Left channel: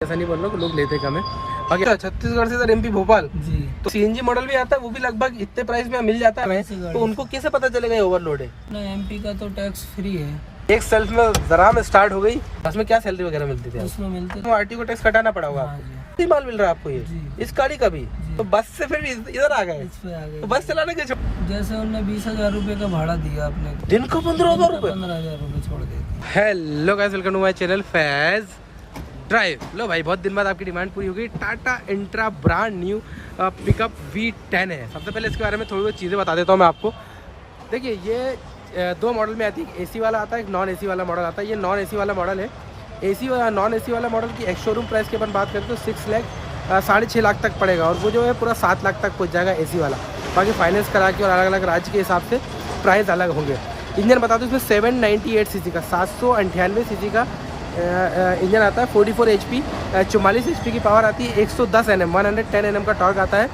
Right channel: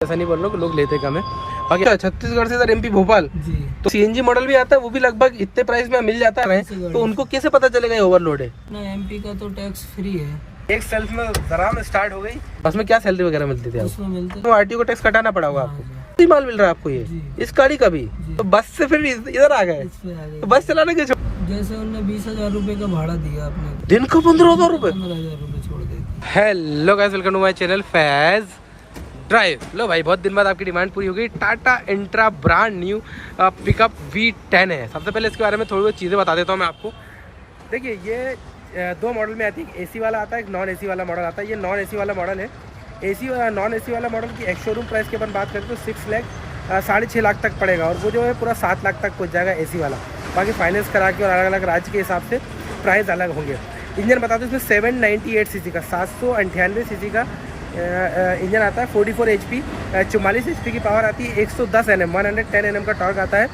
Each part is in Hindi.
ऐसा नहीं बोल रहा हूँ कि लोग लेते कम है। बाकी छत्तीसगढ़ से सर एमपी भोपाल जी, तो सीएनजी मॉडल भी आता है, वो भी लगभग इतने प्राइस में मिल जाता है। तो उनको कैसे पता चलेगा ये ओवरलोड है? ना एमपी का तो टैक्स फ्री है। एक सेल्फ में जरा में स्टार्ट हो गई, उसमें क्या सैलरी वगैरह मिलती थी? उसमें मिलते तो आरटीओ को टैक्स कटाना पड़ा होगा हाँ आपको। जी, कितनी माल मिल रहा है आपको ये जी। इस गाड़ी का भी? जी। तो बस से फिर इधर आ गए, इस पे आ गए। तो बस चलाने के जैसे उन्होंने 20,000 रुपए का भाड़ा दिया अपने को, दिन को 15,000 रुपए। 15,000 रुपए छोड़ देगी। Hello guys, welcome to my channel Faiz drive. लो भाई, बहुत दिन बाद आपकी डिमांड पूरी हो गई। Tata intra brand new pickup V10 है। सबसे पहले इसके बारे में थोड़ी बहुत चीज़ें बता देता हूँ मैं आपको। देखिए, ये दो मॉडल में आती है, एक एसी वाला आता है, एक नॉन एसी वाला मॉडल आता है। ये नॉन एसी वाला मॉडल है। एसी नॉन एसी वाला मॉडल की एक्स शोरूम प्राइस की अपन बात करें तो 6 लाख तक पड़ेगा, और वो जो है पूरा 7 लाख तक पहुँच जाएगा एसी वाला। बाकी फाइनेंस करा के और अलग अलग राज्य के हिसाब से प्राइस अलग होंगे। इंजन बता दो, इसमें 798 सीसी का 798 सीसी का इंजन आता है। 44 HP 44 HP की पावर आती है। 110 Nm 110 Nm का टॉर्क आता है।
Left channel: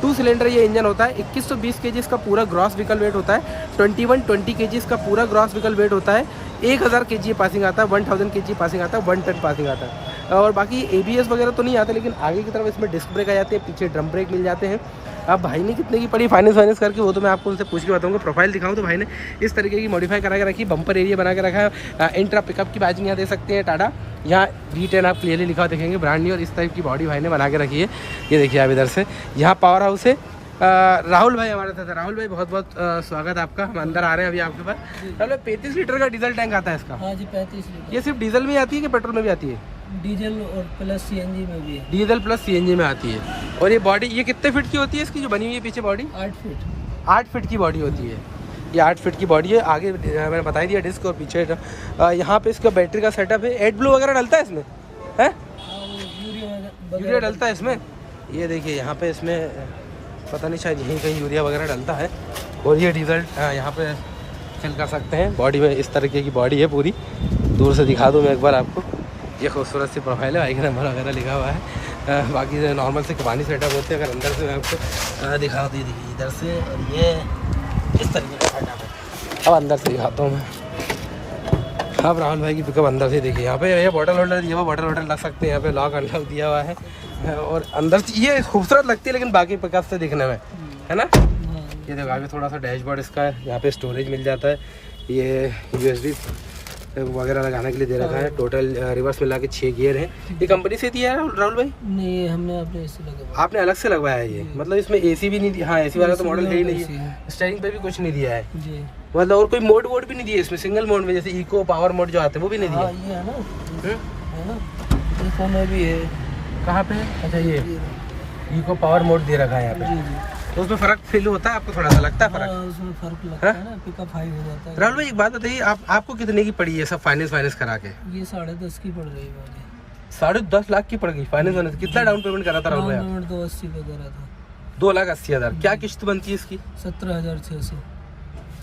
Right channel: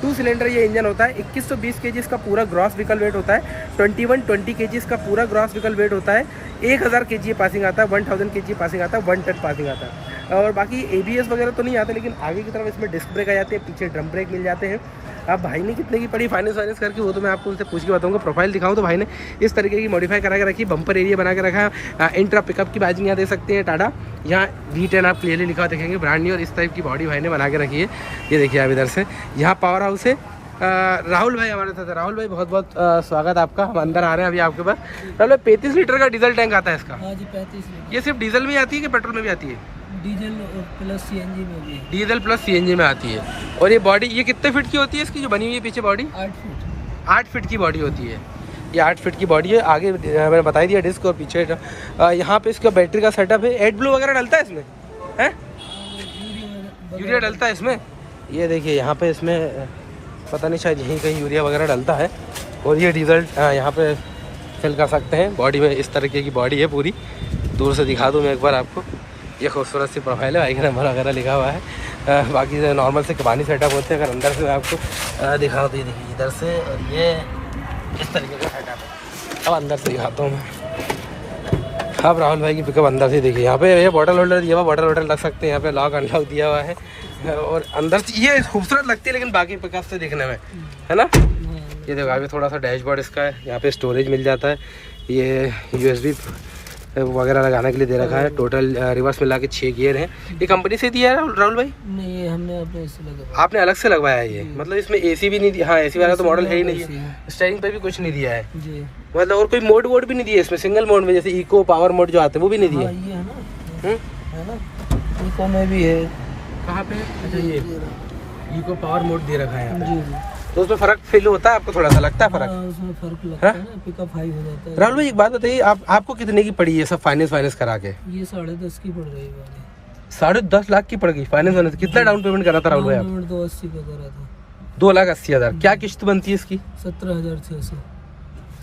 2 सिलेंडर ये इंजन होता है। 2120 kg इसका पूरा ग्रॉस व्हीकल वेट होता है। 2120 kg इसका पूरा ग्रॉस व्हीकल वेट होता है। 1000 kg पासिंग आता है, 1000 kg पासिंग आता है, 1 टन पासिंग आता है। और बाकी ABS वगैरह तो नहीं आता, लेकिन आगे की तरफ इसमें डिस्क ब्रेक आ जाती है, पीछे ड्रम ब्रेक मिल जाते हैं। अब भाई ने कितने की पड़ी फाइनेंस करके, वो तो मैं आपको उनसे पूछ के बताऊंगा। प्रोफाइल दिखाऊं तो भाई ने इस तरीके की मॉडिफाई करा के रखी, बम्पर एरिया बना के रखा है। इंट्रा पिकअप की बैजिंग यहाँ दे सकते हैं टाटा। यहाँ V10 आप क्लियरली लिखा हुआ देखेंगे, ब्रांड न्यू। और इस टाइप की बॉडी भाई ने बना के रखी है। ये देखिए आप इधर से, यहाँ पावर हाउस है। राहुल भाई हमारे साथ है। राहुल भाई, बहुत बहुत स्वागत आपका। हम अंदर आ रहे हैं अभी आपके पास। राहुल भाई, 35 लीटर का डीजल टैंक आता है इसका? हाँ जी, 35 लीटर। ये सिर्फ डीजल में आती है कि पेट्रोल में भी आती है? डीजल और प्लस CNG में भी है। डीजल प्लस CNG में आती है। और ये बॉडी ये कितने फीट की होती है इसकी जो बनी हुई है पीछे बॉडी? 8 फीट। 8 फीट की बॉडी होती है। ये 8 फीट की बॉडी है। आगे मैंने बता दिया डिस्क, और पीछे यहाँ पे इसका बैटरी का सेटअप है। एडब्लू वगैरह डलता है इसमें? है यूरिया डलता है इसमें। ये देखिए यहाँ पे इसमें पता नहीं, शायद यहीं कहीं यूरिया वगैरह डलता है। और ये डीजल यहाँ पे फिल कर सकते हैं। बॉडी में इस तरीके की बॉडी है पूरी। दूर से दिखा दूँ मैं एक बार आपको। ये खूबसूरत सी प्रोफाइल है, बाइक नंबर वगैरह लिखा हुआ है। बाकी नॉर्मल से कबानी सेटअप होते हैं। अगर अंदर से मैं आपको दिखा दी, देखिए इधर से, और ये इस तरीके का सेटअप है। अब अंदर से दिखाता हूँ मैं। अब राहुल भाई की पिकअप अंदर से देखिए, यहाँ पे ये बॉटल होल्डर दिया हुआ, बॉटल होल्डर लग सकते हैं। यहाँ पे लॉक अनलॉक दिया हुआ है। और अंदर से ये खूबसूरत लगती है, लेकिन बाकी पिकअप से दिखने में, है ना। ये देखो आगे थोड़ा सा डैशबोर्ड इसका है। यहाँ पे स्टोरेज मिल जाता है। ये USB वगैरह लगाने के लिए दे रखा है। टोटल रिवर्स मिला के 6 गियर हैं। ये कंपनी से दिया है राहुल भाई? नहीं, ये हमने अपने इससे लगाया। आपने अलग से लगवाया है ये? मतलब इसमें AC भी नहीं दिया? हाँ, AC वाला तो मॉडल है ही नहीं है। स्टीयरिंग पे भी कुछ नहीं दिया है जी। मतलब, और कोई मोड वोड भी नहीं दिया इसमें? सिंगल मोड में जैसे इको पावर मोड जो आते हैं वो भी नहीं दिया? हाँ, ये है ना, इको में भी है। कहाँ पे? अच्छा, ये इको पावर मोड दे रखा है यहाँ पे। जी जी। तो उसमें फर्क फील होता है आपको? थोड़ा सा लगता है फर्क? हाँ, उसमें फर्क लगता है ना, पिकअप हाई हो जाता है। राहुल भाई, एक बात बताइए, आपको कितने की पड़ी है सब फाइनेंस करा के? ये 10.5 की पड़ रही है। 10.5 लाख की पड़ गई फाइनेंस? कितना डाउन पेमेंट करा था राहुल भाई? 280 का करा था। 2,80,000। क्या किस्त बनती है इसकी? 17,600।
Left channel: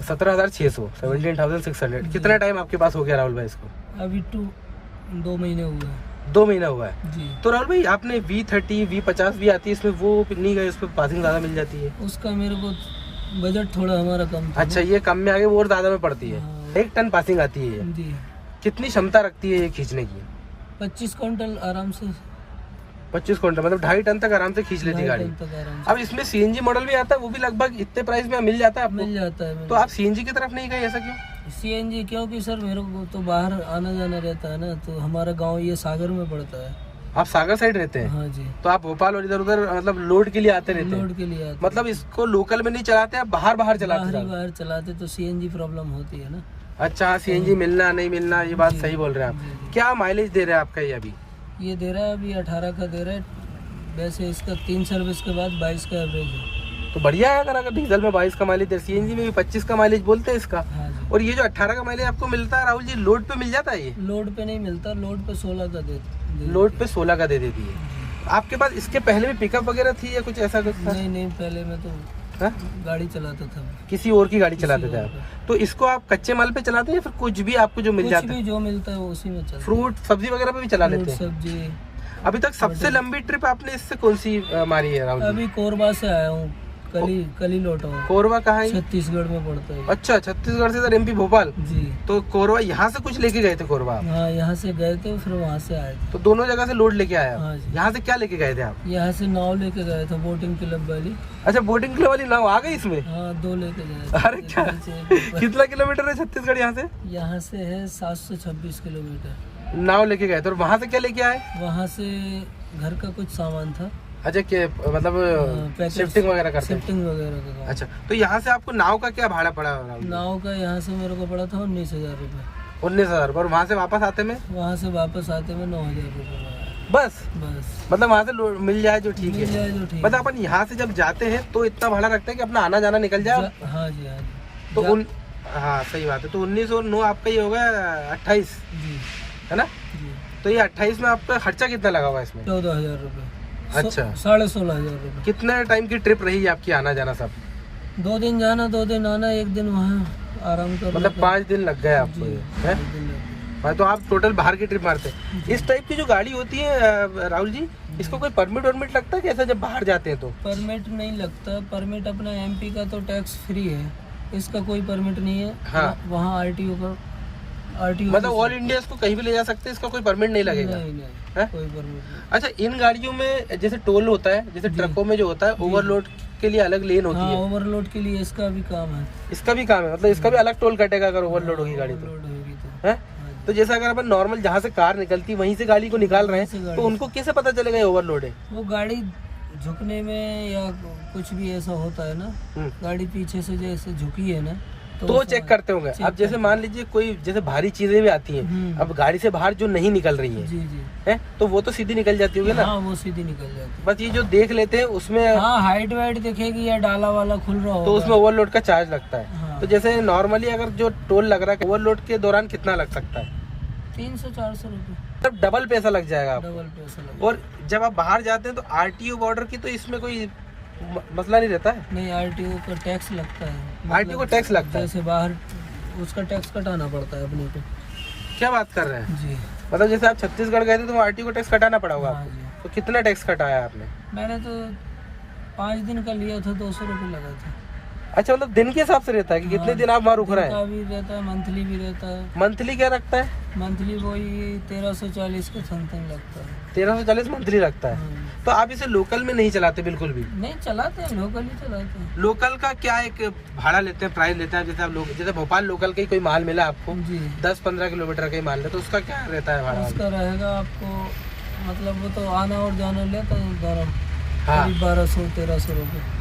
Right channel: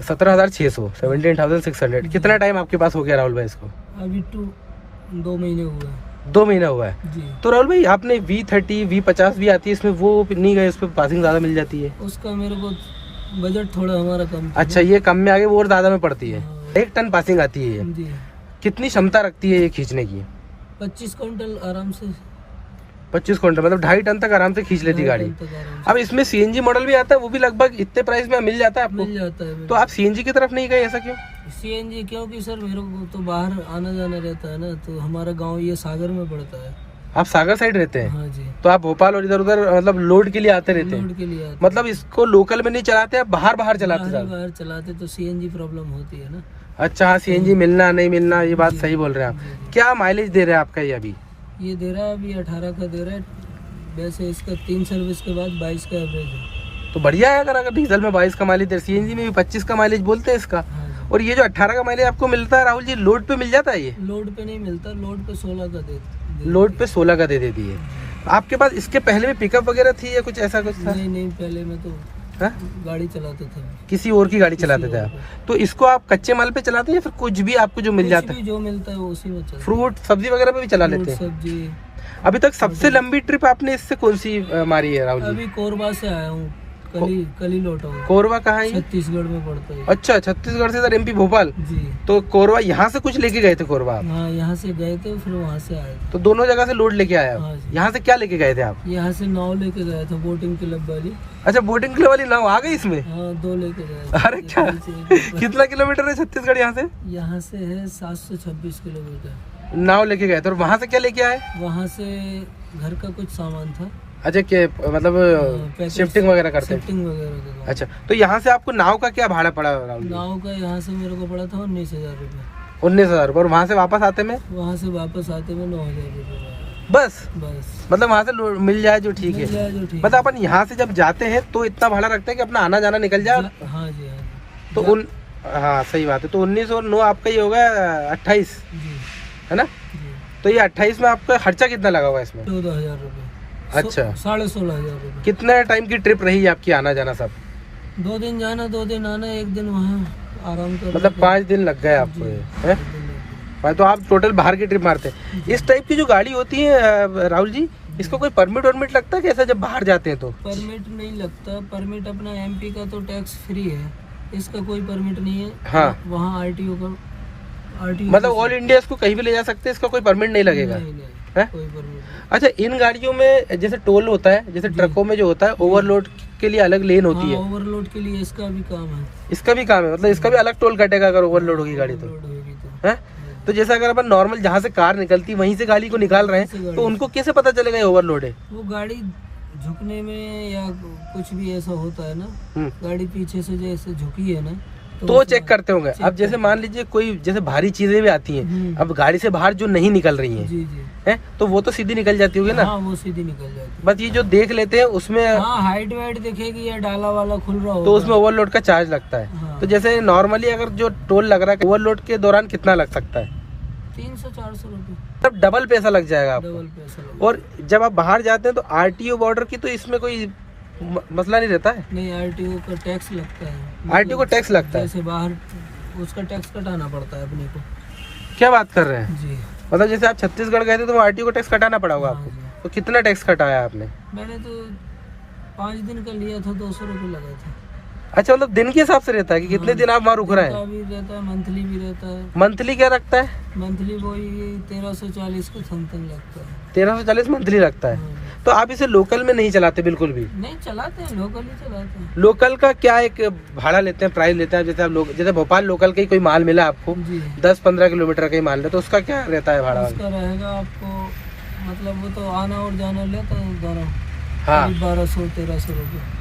17,600 17,600। कितना टाइम आपके पास हो गया राहुल भाई इसको? अभी 2 महीने हुए हैं। 2 महीना हुआ है जी। तो राहुल भाई, आपने V30 V50 भी आती है इसमें, वो नहीं गए? उस पर पासिंग ज्यादा मिल जाती है। उसका मेरे को बजट थोड़ा हमारा कम था। अच्छा, ये कम में आगे वो और ज्यादा में पड़ती है। हाँ। 1 टन पासिंग आती है ये। जी। कितनी क्षमता रखती है ये खींचने की? 25 क्विंटल आराम से। 25 क्विंटल मतलब 2.5 टन तक आराम से खींच लेती 2.5 गाड़ी। टन तक आराम से अब इसमें CNG मॉडल भी आता है, वो भी लगभग इतने प्राइस में मिल जाता है आपको? मिल जाता है। तो आप CNG की तरफ नहीं गए, ऐसा क्यों? CNG क्योंकि सर मेरे को तो बाहर आना जाना रहता है ना, तो हमारा गांव ये सागर में पड़ता है। आप सागर साइड रहते हैं? हाँ जी। तो आप भोपाल और इधर उधर मतलब लोड के लिए आते रहते हैं? लोड के लिए आते मतलब इसको लोकल में नहीं चलाते, आप बाहर चलाते हैं? बाहर चलाते तो CNG प्रॉब्लम होती है ना। अच्छा, हाँ, CNG मिलना नहीं मिलना, ये बात सही बोल रहे हैं जी, आप। जी। क्या माइलेज दे रहे हैं आपका ये अभी? ये दे रहा है अभी 18 का दे रहा है। वैसे इसका 3 सर्विस के बाद 22 का एवरेज है। तो बढ़िया है। अगर डीजल में 22 का माइलेज दे, CNG में भी 25 का माइलेज बोलते हैं इसका। हाँ जी। और ये जो 18 का माइलेज आपको मिलता है राहुल जी, लोड पे मिल जाता है ये? लोड पे नहीं मिलता, लोड पे 16 का दे लोड पे 16 का दे देती है। आपके पास इसके पहले में पिकअप वगैरह थी या कुछ ऐसा कुछ था? नहीं, पहले मैं तो हाँ? गाड़ी चलाता था। किसी और की गाड़ी चलाते किसी थे और आप? तो इसको आप कच्चे माल पे चलाते हैं या फिर कुछ भी आपको जो मिल कुछ जाता भी है? जो मिलता है वो उसी में चलता है। फ्रूट सब्जी वगैरह पे भी चला फ्रूट लेते हैं? सब्जी। अभी तक सबसे लंबी ट्रिप आपने इससे कौन सी मारी है राहुल जी? अभी कोरबा से आया हूँ। कल ही लौटा हूँ। कोरबा कहाँ है? छत्तीसगढ़ में पड़ता है। अच्छा, छत्तीसगढ़ से इधर एमपी भोपाल। जी। तो कोरबा यहाँ से कुछ लेके गए थे कोरबा आप? हाँ, यहाँ से गए थे, फिर वहाँ से आए थे। तो दोनों जगह से लूट लेके आया? हाँ जी। यहाँ से क्या लेके गए थे आप? यहाँ से नाव लेके गए थे, बोटिंग क्लब वाली। अच्छा, बोटिंग क्लब वाली नाव आ गई इसमें? हाँ, 2 लेके गए थे। अरे क्या, कितना किलोमीटर है छत्तीसगढ़ यहाँ से? यहाँ से है 726 किलोमीटर। नाव लेके गए थे, और वहाँ से क्या लेके आए? वहाँ से घर का कुछ सामान था। अच्छा, के मतलब शिफ्टिंग वगैरह करते हैं? शिफ्टिंग वगैरह का काम। अच्छा, तो यहाँ से आपको नाव का क्या भाड़ा पड़ा? नाव का यहाँ से मेरे को पड़ा था 19,000 रुपये। 19,000, और वहाँ से वापस आते में? वहाँ से वापस आते में 9,000 रुपये। बस? मतलब वहाँ से मिल जाए जो ठीक मिल जाए जो ठीक। मतलब अपन यहाँ से जब जाते हैं तो इतना भाड़ा रखते हैं कि अपना आना जाना निकल जाए। हाँ जी, हाँ जी। तो हाँ, सही बात है। तो 19 और 9 आपका ही होगा 28, है ना? जी। तो ये 28 में आपका खर्चा कितना लगा हुआ इसमें? 14,000 रुपये। अच्छा, 16,500 रुपये। कितने टाइम की ट्रिप रही आपकी आना जाना सब? 2 दिन जाना, 2 दिन आना, 1 दिन वहाँ आराम कर। मतलब 5 दिन लग गए आपको? है? तो आप टोटल बाहर की ट्रिप मारते हैं। इस टाइप की जो गाड़ी होती है राहुल जी, इसको कोई परमिट वर्मिट लगता है कैसा जब बाहर जाते हैं? तो परमिट नहीं लगता। परमिट अपना एमपी का तो टैक्स फ्री है, इसका कोई परमिट नहीं है। हाँ। वहाँ आरटीओ का मतलब ऑल इंडिया इसको कहीं भी ले जा सकते हैं, इसका कोई परमिट नहीं लगेगा? नहीं, कोई परमिट नहीं। अच्छा, इन गाड़ियों में जैसे टोल होता है, जैसे ट्रकों में जो होता है ओवरलोड के लिए अलग लेन होती है? ओवरलोड के लिए इसका भी काम है। इसका भी काम है, मतलब इसका भी अलग टोल कटेगा अगर ओवरलोड होगी गाड़ी तो? तो जैसे अगर अपन नॉर्मल जहाँ से कार निकलती वहीं से गाड़ी को निकाल रहे हैं तो उनको कैसे पता चलेगा ये ओवरलोड है? वो गाड़ी झुकने में या कुछ भी ऐसा होता है ना, गाड़ी पीछे से जैसे झुकी है ना, तो चेक करते होंगे। अब जैसे मान लीजिए कोई जैसे भारी चीजें भी आती हैं, अब गाड़ी से बाहर जो नहीं निकल रही हैं, जी जी, है तो वो तो सीधी निकल जाती होगी ना? हाँ, वो सीधी निकल जाती है। बस ये जो देख लेते हैं उसमें, हाँ, हाइट वाइट दिखेगी या डाला वाला खुल रहा होगा तो उसमें ओवरलोड का चार्ज लगता है। हाँ। तो जैसे नॉर्मली अगर जो टोल लग रहा है ओवरलोड के दौरान कितना लग सकता है? 300-400 रुपये। तब डबल पैसा लग जाएगा आपको। डबल पैसा लग। और जब आप बाहर जाते हैं तो आरटीओ बॉर्डर की तो इसमें कोई मसला नहीं रहता है? नहीं, आरटीओ का टैक्स लगता है। आरटीओ का टैक्स लगता है? जैसे बाहर उसका टैक्स कटाना पड़ता है अपने को। क्या बात कर रहे हैं? जी। मतलब जैसे आप छत्तीसगढ़ गए थे तो आरटीओ का टैक्स कटाना पड़ा होगा? हाँ जी। तो कितना टैक्स कटाया आपने? मैंने तो 5 दिन का लिया था, 200 रुपये लगा था। अच्छा, मतलब दिन के हिसाब से रहता है कि कितने दिन आप वहाँ रुक रहे हैं? भी रहता है, मंथली भी रहता है। मंथली क्या रखता है? मंथली वही 1340 के समथिंग लगता है। 1340 मंथली लगता है। हाँ। तो आप इसे लोकल में नहीं चलाते बिल्कुल भी? नहीं चलाते हैं, लोकल ही चलाते हैं। लोकल का क्या एक भाड़ा लेते हैं, प्राइस लेते हैं? जैसे आप लोग जैसे भोपाल लोकल का ही कोई माल मिला आपको, जी, 10-15 किलोमीटर का ही माल है, तो उसका क्या रहता है भाड़ा? उसका रहेगा आपको, मतलब वो तो आना और जाना लेता है दोनों, हाँ। 1200-1300 रुपये।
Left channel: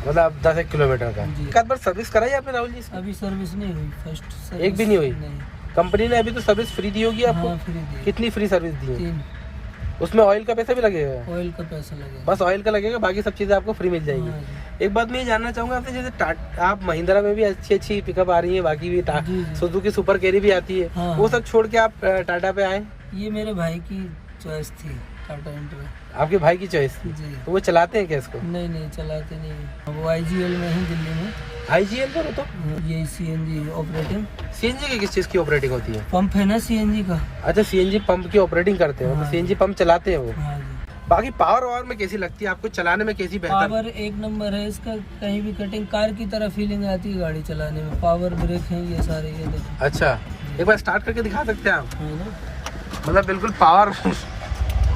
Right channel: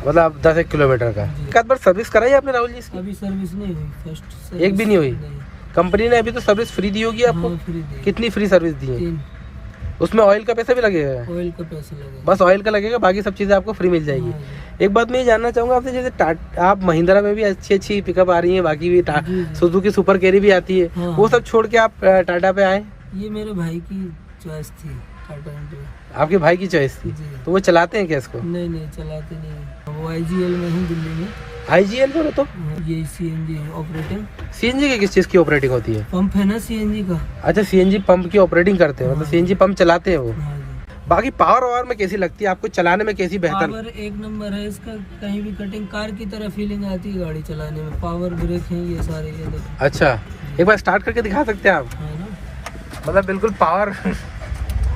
मतलब आप 10 किलोमीटर का। एक आध बार सर्विस कराई आपने राहुल जी? अभी सर्विस नहीं हुई, फर्स्ट सर्विस एक भी नहीं हुई? नहीं। कंपनी ने अभी तो सर्विस फ्री दी होगी आपको? हाँ, फ्री दी। कितनी फ्री सर्विस दी है? 3। उसमें ऑयल का पैसा भी लगेगा? ऑयल का पैसा लगेगा, बस ऑयल का लगेगा, बाकी सब चीजें आपको फ्री मिल हाँ जाएगी। जी। एक बात मैं ये जानना चाहूंगा आपसे, जैसे आप महिंद्रा में भी अच्छी पिकअप आ रही है, बाकी भी जी, जी। सुजुकी सुपर कैरी भी आती है, हाँ, वो हाँ। सब छोड़ के आप टाटा पे आए? ये मेरे भाई की चॉइस थी, टाटा इंडिया। आपके भाई की चॉइस थी? जी। तो वो चलाते हैं क्या इसको? नहीं, चलाते नहीं। वो IGL में ही, दिल्ली में। IGL पर तो ये CNG ऑपरेटिंग। CNG की किस चीज की ऑपरेटिंग होती है? पंप है ना CNG का। अच्छा, CNG पंप की ऑपरेटिंग करते हैं, मतलब हाँ। CNG पंप चलाते हैं वो। हाँ जी। बाकी पावर में कैसी लगती है आपको, चलाने में कैसी बेहतर? पावर एक नंबर है इसका, कहीं भी कटिंग कार की तरह फीलिंग आती है गाड़ी चलाने में। पावर ब्रेक है ये सारे, ये देखो। अच्छा, एक बार स्टार्ट करके दिखा सकते हैं आप? है ना, मतलब बिल्कुल पावर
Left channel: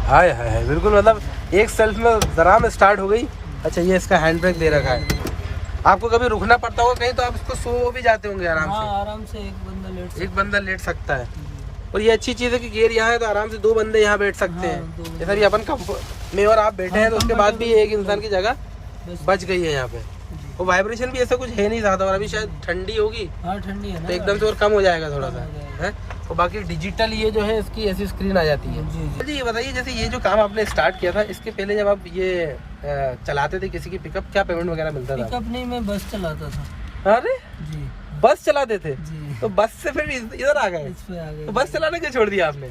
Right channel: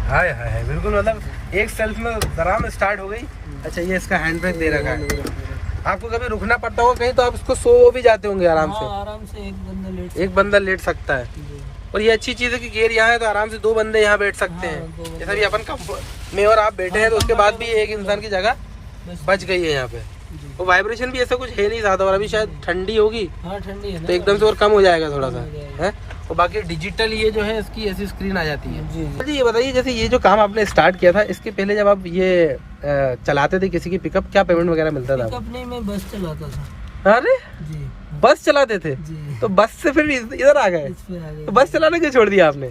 हाय हाय, बिल्कुल मतलब एक सेल्फ में जरा में स्टार्ट हो गई। अच्छा, ये इसका हैंड ब्रेक दे रखा है। आपको कभी रुकना पड़ता होगा कहीं तो आप इसको सो भी जाते होंगे आराम से? हाँ, आराम से एक बंदा लेट सकता है। और ये अच्छी चीज़ है कि गियर यहाँ है तो आराम से 2 बंदे यहाँ बैठ सकते हैं। जैसा कि अपन में और आप बैठे हैं तो उसके बाद भी एक इंसान की जगह बच गई है यहाँ पे। और वाइब्रेशन भी ऐसा कुछ है नहीं ज़्यादा, और अभी शायद ठंडी होगी। हाँ, ठंडी है ना, तो एकदम से और कम हो जाएगा थोड़ा सा है। और बाकी डिजिटल ये जो है इसकी ऐसी स्क्रीन आ जाती है। जी, ये बताइए जैसे ये जो काम आपने स्टार्ट किया था, इसके पहले जब आप ये चलाते थे किसी की पिकअप, क्या पेमेंट वगैरह मिलता था? पिकअप नहीं, मैं बस चलाता था। अरे जी, बस चलाते थे? जी। तो बस से फिर इधर आ गए? इस पे आ गए। तो बस चलाने क्यों छोड़ दिया आपने?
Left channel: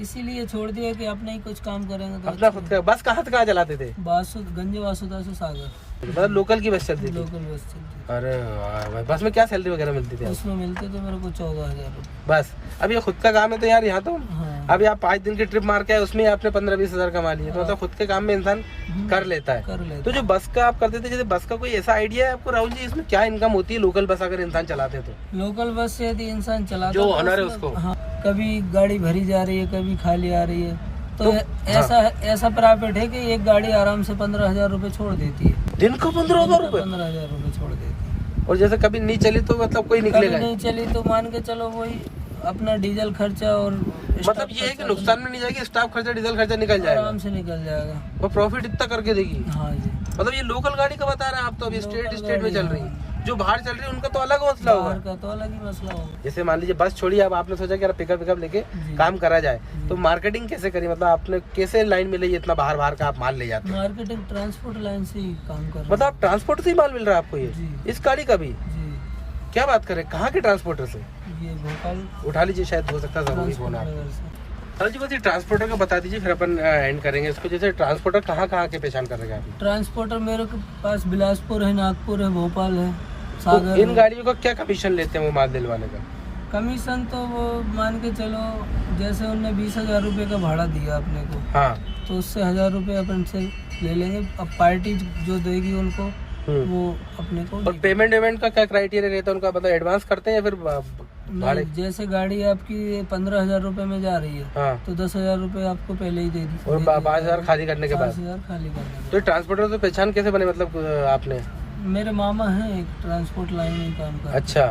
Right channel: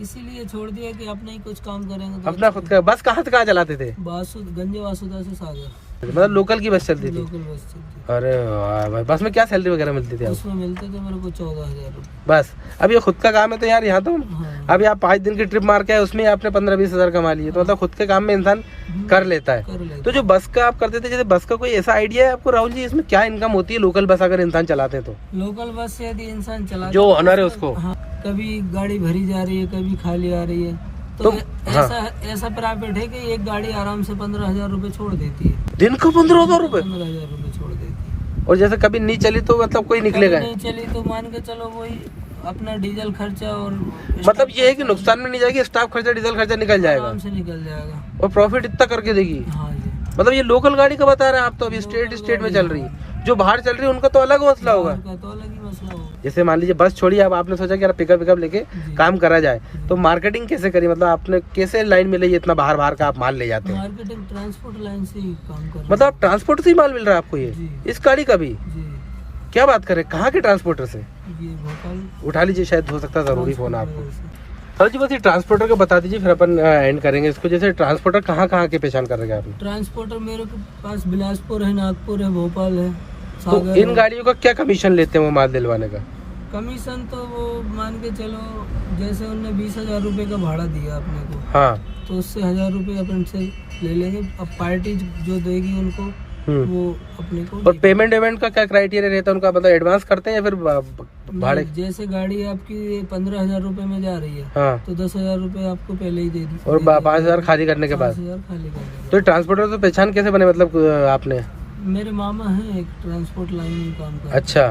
इसीलिए छोड़ दिया कि अपना ही कुछ काम करेंगे तो अपना खुद का। बस कहाँ से कहाँ चलाते थे? गंज वासुदा से सागर। मतलब लोकल की बस चलती थी? लोकल बस चलती अरे वाह भाई, बस में क्या सैलरी वगैरह मिलती थी थी। आपको? उसमें मिलते थे मेरे को 14,000 रुपये। बस अब ये खुद का काम है तो यार यहाँ तो हाँ, अभी आप 5 दिन की ट्रिप मार के आए, उसमें आपने 15-20 हजार कमा लिए, तो मतलब खुद के काम में इंसान कर लेता है। कर लेते। तो जो बस का आप करते थे, जैसे बस का कोई ऐसा आइडिया है आपको राहुल जी, इसमें क्या इनकम होती है लोकल बस अगर इंसान चलाते तो? लोकल बस से यदि इंसान चलाता जो तो ऑनर है उसमें- उसको? हाँ, कभी गाड़ी भरी जा रही है, कभी खाली आ रही है, तो ऐसा प्राइवेट है कि एक गाड़ी आराम से 15,000 रुपये छोड़ देती है। दिन का 15,000 रुपए? 15,000 रुपये छोड़ देती है। और जैसे कभी नहीं चली तो मतलब कोई कभी निकलेगा? नहीं चली तो मान के चलो वही अपना डीजल खर्चा और मतलब ये है कि नुकसान में नहीं जाएगी, स्टाफ खर्चा डीजल खर्चा निकल जाएगा आराम से निकल जाएगा। और प्रॉफिट इतना करके देगी। हाँ जी। मतलब ये लोकल गाड़ी का बता रहे हैं आप, तो अभी लोकल स्टेट में गाड़ी, चल रही है। जो बाहर चल रही है उनका तो अलग मसला होगा। बाहर का तो अलग ही मसला होगा। जैसे मान लीजिए बस छोड़िए, अब आपने सोचा कि यार पिकअप लेके जी। काम करा जाए, तो मार्केटिंग कैसे करी? मतलब आपने कैसे लाइन में ले इतना बाहर का आप माल ले जाते हैं? मार्केटिंग ट्रांसपोर्ट लाइन से ही काम कर रहे मतलब आप ट्रांसपोर्ट से ही माल मिल रहा है आपको ये जी। इस गाड़ी का भी? हैं। जी, क्या बात करें, कहाँ के ट्रांसपोर्टर से? ये भोपाल उठा लीजिए, शायद हो सकता है जरूरी फोन आपको। नगर से। सर जी बस ये ट्रांसपोर्टर को बता दीजिए, फिर अपन एंड करेंगे इसको। जैसे ट्रांसपोर्टर कहाँ की पहचान कर रहे हैं आपने? ट्रांसपोर्टर मेरे के पास बिलासपुर है, नागपुर है, भोपाल है, तो सागर इन है। गाड़ियों का क्या कमीशन लेते हैं वो माल दिलवाने का? कमीशन तो वो मान के चलो, जैसे उनने 20,000 रुपये का भाड़ा दिया अपने को, हाँ। तो उससे 1,000 रुपये अपन से ले लेंगे। अब पार्टी जो देगी उनको वो अपने को और पेमेंट का क्या क्राइटेरिया रहता है उनका? मतलब एडवांस करते हैं या फिर भाड़े? नहीं, जैसे गाड़ी आपकी 15,000 रुपये में जा रही है, हाँ। तो 10,000 रुपये आपको पहले ही दे दी और 5,000 खाली करने के बाद? 5,000 खाली कर देंगे। तो ट्रांसपोर्टर तो पहचान कैसे बने मतलब आपने? मेरे मामा हैं एक ट्रांसपोर्ट लाइन में काम करते हैं। अच्छा,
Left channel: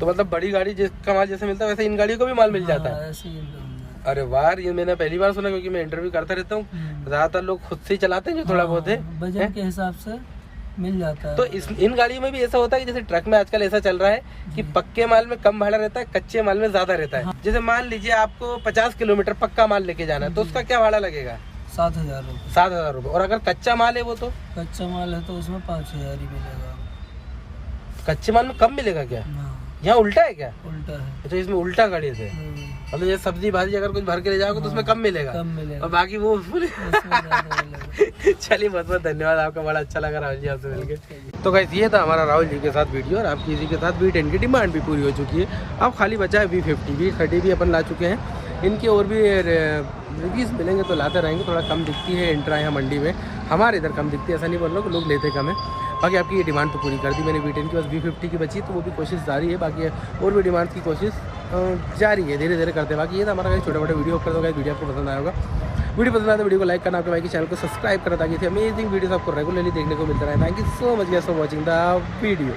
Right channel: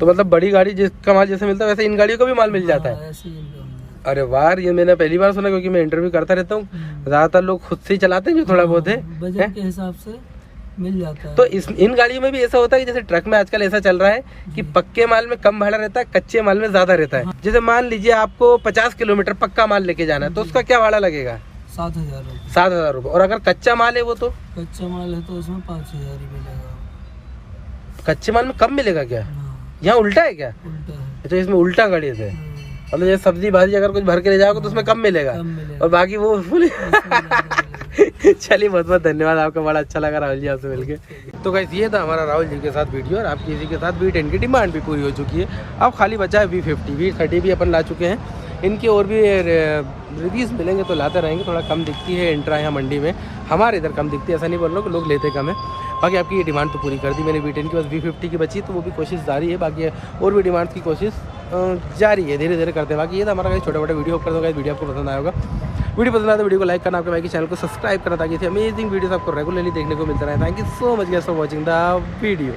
तो मतलब बड़ी गाड़ी जिसका माल जैसे मिलता है वैसे इन गाड़ियों का भी माल मिल जाता है? हाँ, ऐसे ही मिलता है। अरे वाह, ये मैंने पहली बार सुना, क्योंकि मैं इंटरव्यू करता रहता हूँ, ज्यादातर लोग खुद से ही चलाते हैं जो थोड़ा बहुत है। बजट के हिसाब से मिल जाता है। तो इन गाड़ियों में भी ऐसा होता है कि जैसे ट्रक में आजकल ऐसा चल रहा है कि पक्के माल में कम भाड़ा रहता है, कच्चे माल में ज्यादा रहता है। जैसे मान लीजिए आपको 50 किलोमीटर पक्का माल लेके जाना है, तो उसका क्या भाड़ा लगेगा? 7,000 रुपये। 7,000 रुपये। और अगर कच्चा माल है वो तो? कच्चा माल है तो उसमें 5,000 ही मिलेगा। कच्चे माल में कम मिलेगा क्या? हाँ, यहाँ उल्टा है क्या? उल्टा है। तो इसमें उल्टा गाड़ी है, मतलब ये सब्जी भाजी अगर कुछ भर के ले जाओगे तो उसमें कम मिलेगा कम मिलेगा और बाकी वो उसमें ज़्यादा मिलेगा। चलिए, बहुत बहुत धन्यवाद आपका, बड़ा अच्छा लगा राहुल जी आपसे मिलके। तो गाइस ये था हमारा राहुल जी के साथ वीडियो, और आपकी इसी के साथ V10 की डिमांड भी पूरी हो चुकी है। अब खाली बचा है V50। V30 भी अपन ला चुके हैं। इनके और भी रिव्यूज़ मिलेंगे तो लाते रहेंगे। थोड़ा कम दिखती है इंट्रा यहाँ मंडी में, हमारे इधर कम दिखती है, ऐसा नहीं बोल रहा हूँ कि लोग लेते कम है। बाकी आपकी ये डिमांड तो पूरी कर दी मैंने V10 की, बस V50 की बची, तो वो भी कोशिश जारी है। बाकी और भी डिमांड की कोशिश जारी है, धीरे धीरे करते हैं। बाकी ये था हमारा छोटा मोटा वीडियो कर दो। वीडियो आपको पसंद आया होगा, वीडियो पसंद आया तो वीडियो को लाइक करना, आपके भाई के चैनल को सब्सक्राइब करना, ताकि अमेजिंग वीडियोस आपको रेगुलरली देखने को मिलता रहे। Thank you so much guys for watching the video.